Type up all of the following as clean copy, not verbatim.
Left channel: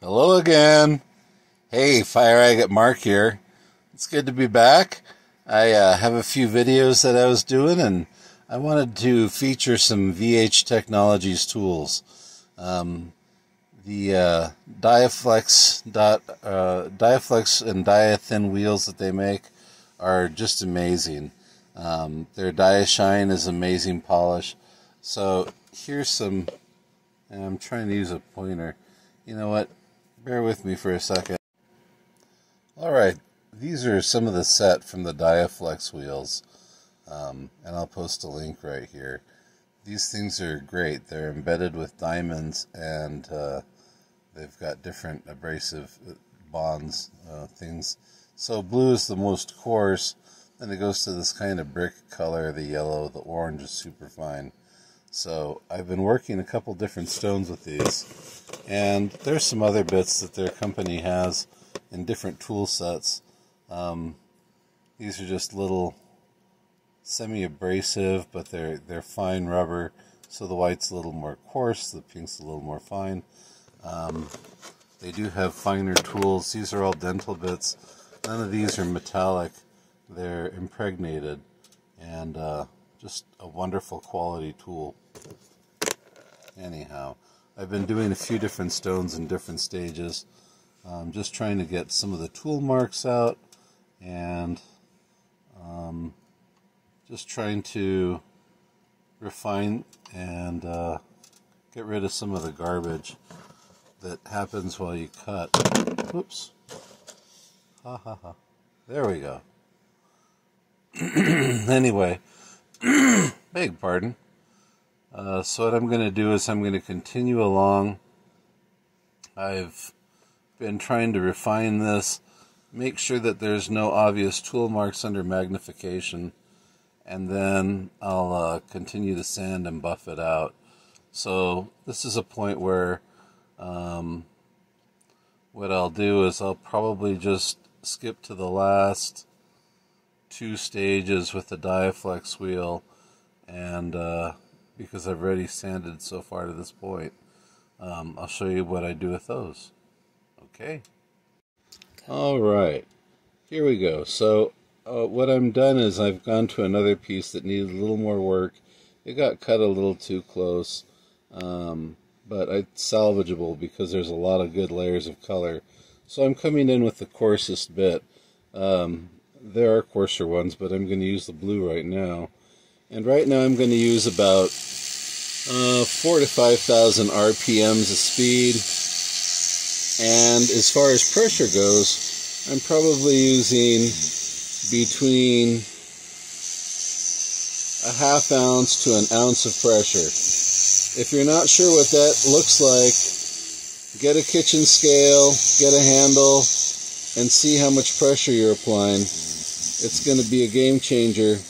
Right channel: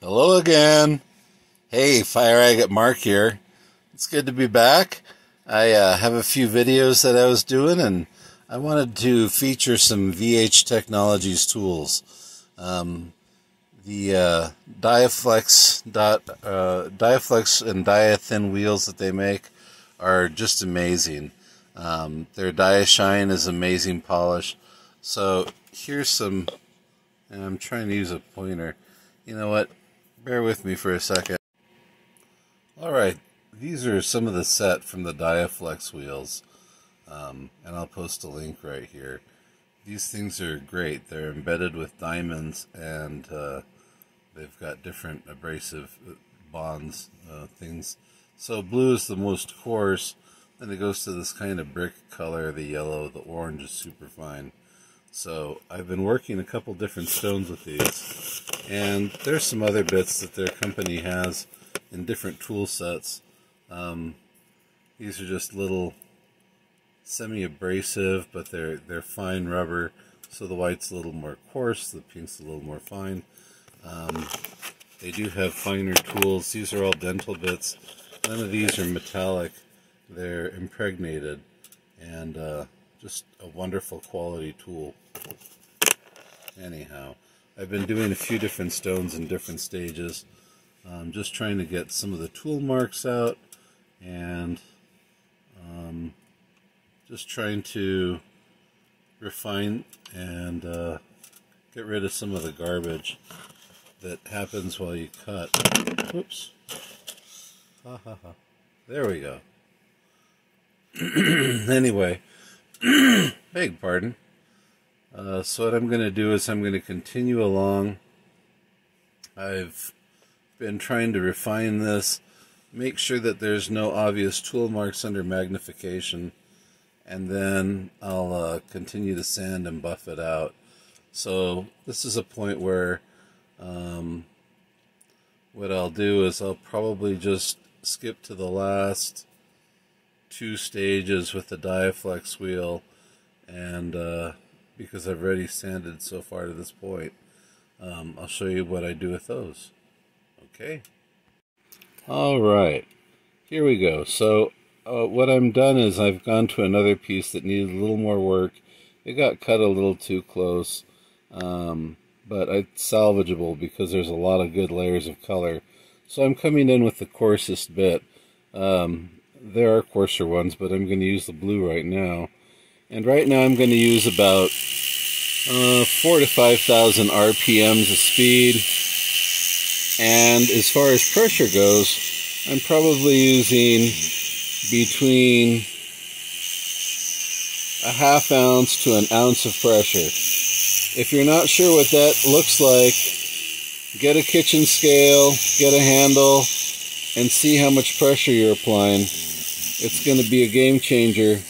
Hello again. Hey, Fire Agate Mark here. It's good to be back. I have a few videos that I was doing, and I wanted to feature some VH Technologies tools. The diaflex and dia-thin wheels that they make are just amazing. Their dia shine is amazing polish. So here's some, and I'm trying to use a pointer. You know what? Bear with me for a second. Alright, these are some of the set from the diaflex wheels. And I'll post a link right here. These things are great. They're embedded with diamonds, and they've got different abrasive bonds, things. So blue is the most coarse, then it goes to this kind of brick color. The yellow, the orange is super fine. So I've been working a couple different stones with these, and there's some other bits that their company has in different tool sets. These are just little semi-abrasive, but they're fine rubber, so the white's a little more coarse, the pink's a little more fine. They do have finer tools. These are all dental bits. None of these are metallic. They're impregnated, and just a wonderful quality tool. Anyhow, I've been doing a few different stones in different stages. Just trying to get some of the tool marks out, and just trying to refine and get rid of some of the garbage that happens while you cut. Whoops. Ha ha ha. There we go. Anyway, beg pardon. So what I'm going to do is I'm going to continue along. I've been trying to refine this, make sure that there's no obvious tool marks under magnification, and then I'll continue to sand and buff it out. So this is a point where what I'll do is I'll probably just skip to the last two stages with the diaflex wheel, and because I've already sanded so far to this point, I'll show you what I do with those. Okay. Alright, here we go. So what I'm done is I've gone to another piece that needed a little more work. It got cut a little too close, but it's salvageable because there's a lot of good layers of color. So I'm coming in with the coarsest bit. There are coarser ones, but I'm going to use the blue right now. And right now I'm going to use about 4,000 to 5,000 RPMs of speed. And as far as pressure goes, I'm probably using between a ½ ounce to an ounce of pressure. If you're not sure what that looks like, get a kitchen scale, get a handle, and see how much pressure you're applying. It's going to be a game changer.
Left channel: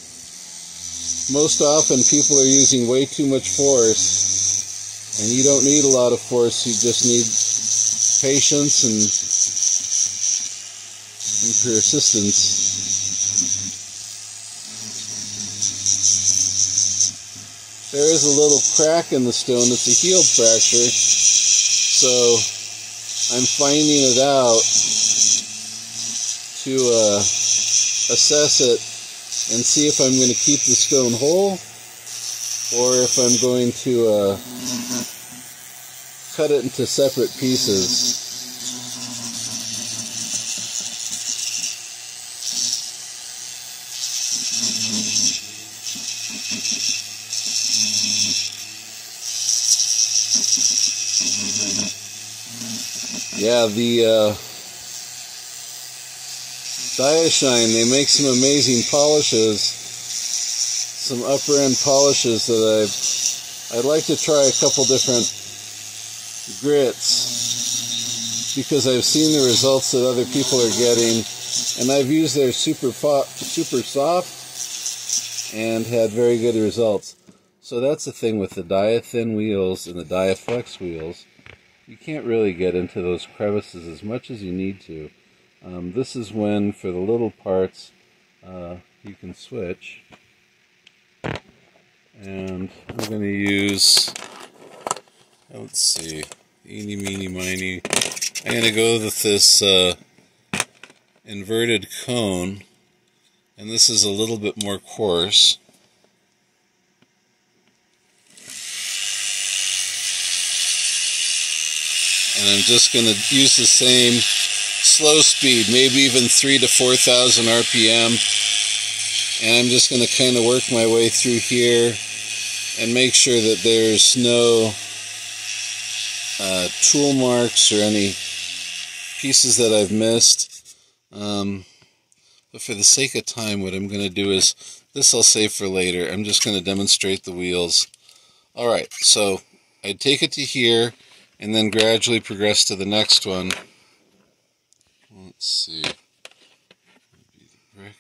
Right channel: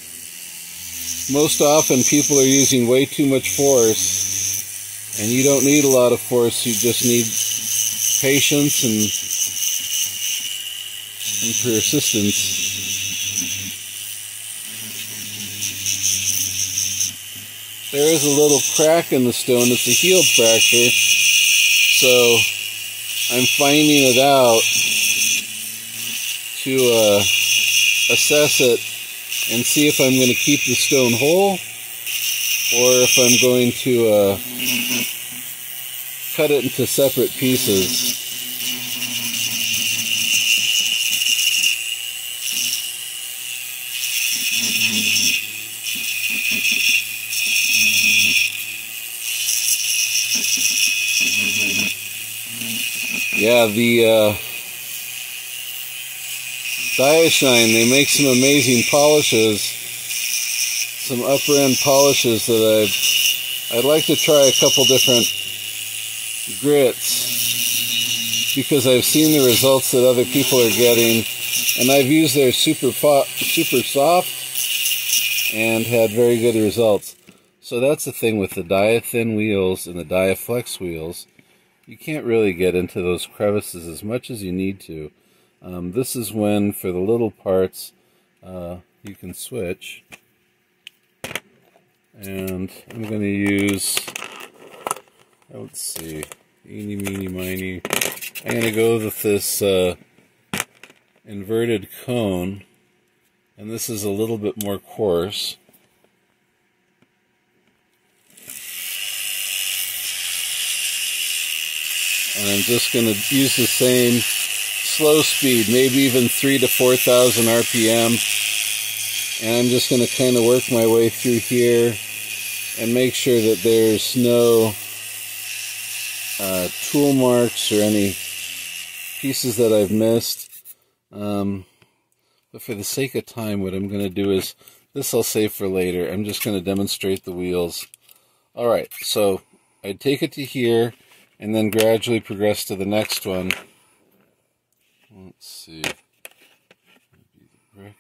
Most often people are using way too much force, and you don't need a lot of force. You just need patience and persistence. There is a little crack in the stone. It's a healed fracture, so I'm finding it out to assess it and see if I'm going to keep the stone whole, or if I'm going to cut it into separate pieces. Yeah, the dia shine, they make some amazing polishes, some upper end polishes that I'd like to try a couple different grits, because I've seen the results that other people are getting, and I've used their super soft and had very good results. So that's the thing with the dia-thin wheels and the diaflex wheels. You can't really get into those crevices as much as you need to. This is when, for the little parts, you can switch. And I'm going to use, let's see, eeny, meeny, miny. I'm going to go with this inverted cone, and this is a little bit more coarse. And I'm just going to use the same slow speed, maybe even 3,000 to 4,000 RPM. And I'm just going to kind of work my way through here and make sure that there's no tool marks or any pieces that I've missed. But for the sake of time, what I'm going to do is, this I'll save for later. I'm just going to demonstrate the wheels. Alright, so I'd take it to here and then gradually progress to the next one. Let's see. Maybe the brick.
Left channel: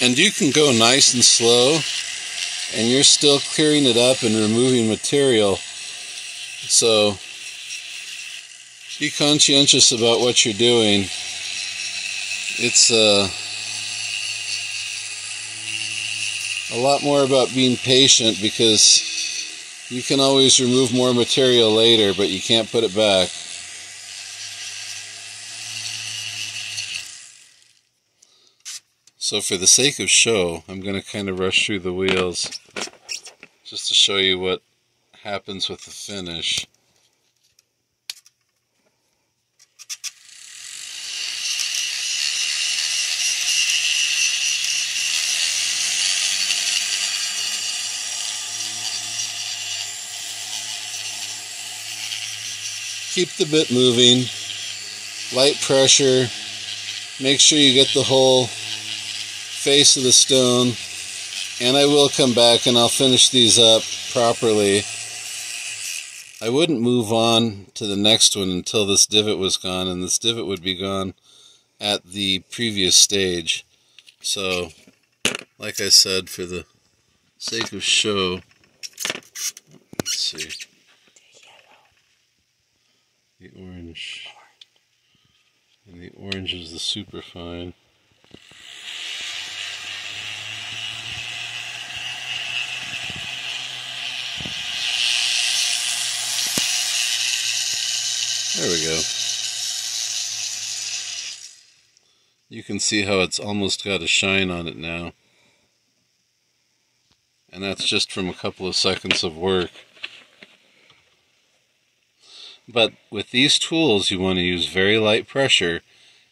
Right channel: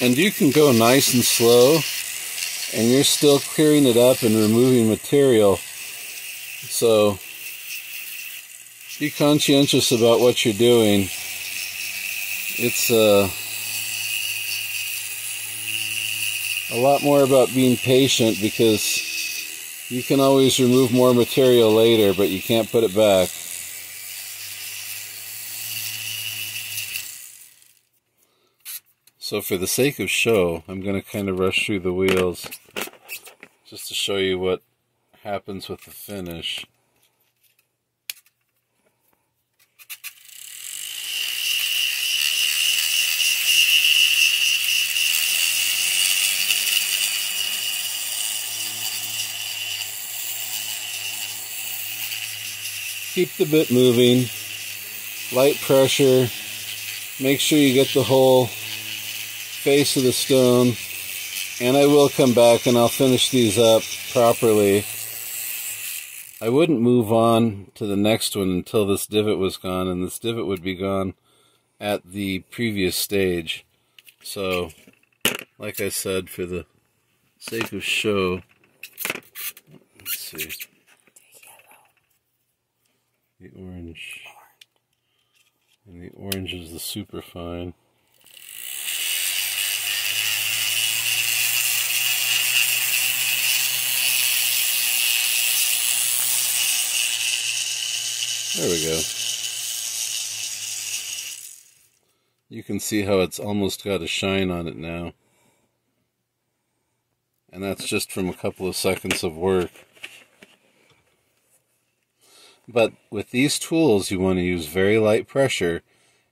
And you can go nice and slow, and you're still clearing it up and removing material. So be conscientious about what you're doing. It's a lot more about being patient, because you can always remove more material later, but you can't put it back. So for the sake of show, I'm going to kind of rush through the wheels just to show you what happens with the finish. Keep the bit moving, light pressure, make sure you get the whole face of the stone, and I will come back and I'll finish these up properly. I wouldn't move on to the next one until this divot was gone, and this divot would be gone at the previous stage. So, like I said, for the sake of show, let's see. The orange. And the orange is the super fine. There we go. You can see how it's almost got a shine on it now. And that's just from a couple of seconds of work. But with these tools, you want to use very light pressure,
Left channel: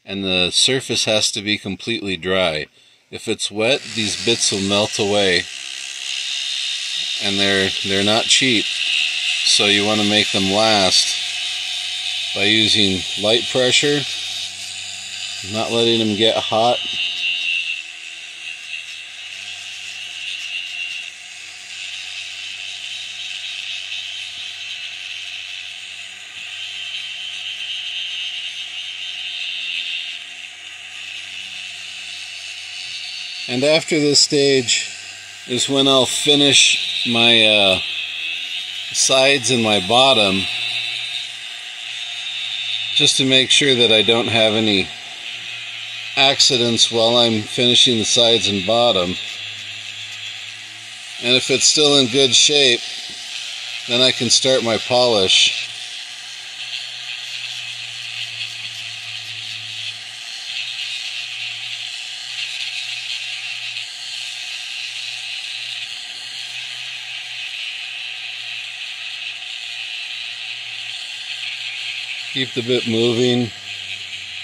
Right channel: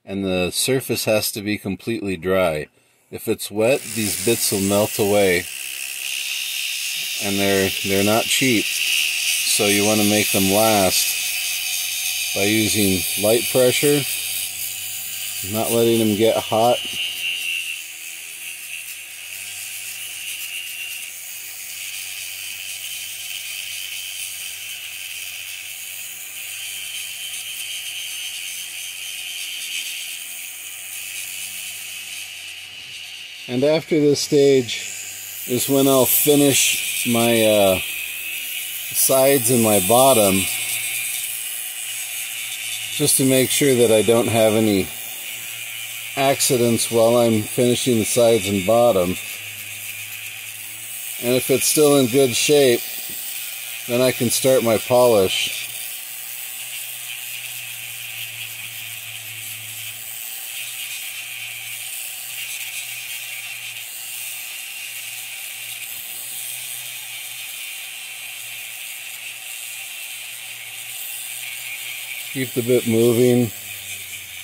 and the surface has to be completely dry. If it's wet, these bits will melt away, and they're not cheap. So you want to make them last by using light pressure, not letting them get hot. And after this stage is when I'll finish my sides and my bottom, just to make sure that I don't have any accidents while I'm finishing the sides and bottom. And if it's still in good shape, then I can start my polish. Keep the bit moving.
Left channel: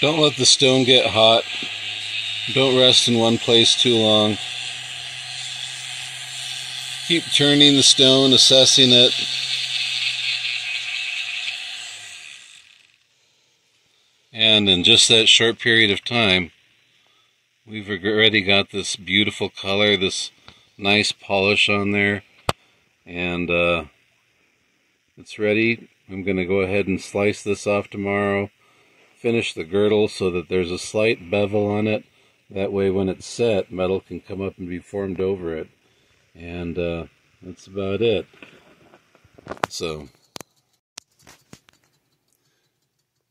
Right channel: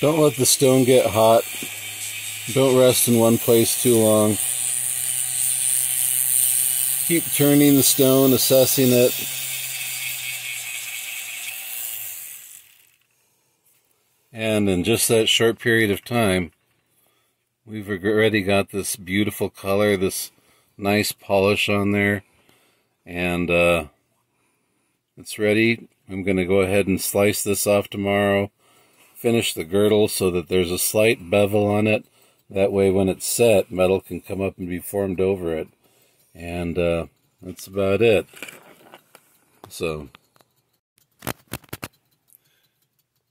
Don't let the stone get hot. Don't rest in one place too long. Keep turning the stone, assessing it. And in just that short period of time, we've already got this beautiful color, this nice polish on there. And it's ready. I'm going to go ahead and slice this off tomorrow, finish the girdle so that there's a slight bevel on it. That way when it's set, metal can come up and be formed over it. And that's about it. So,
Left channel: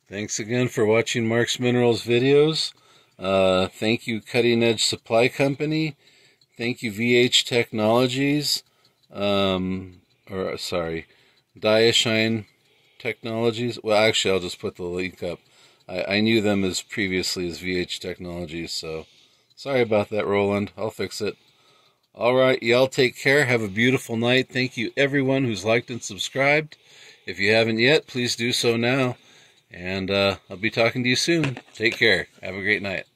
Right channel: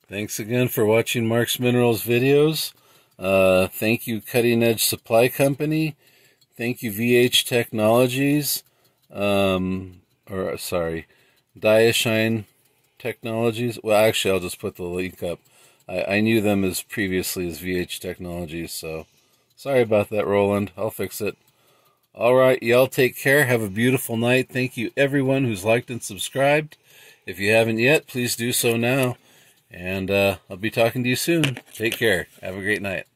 thanks again for watching Mark's Minerals videos. Thank you, Cutting Edge Supply Company. Thank you, VH Technologies. Diashine Technologies. Well, actually, I'll just put the link up. I knew them as previously as VH Technologies, so sorry about that, Rolland. I'll fix it. All right, y'all take care. Have a beautiful night. Thank you, everyone who's liked and subscribed. If you haven't yet, please do so now. And I'll be talking to you soon. Take care. Have a great night.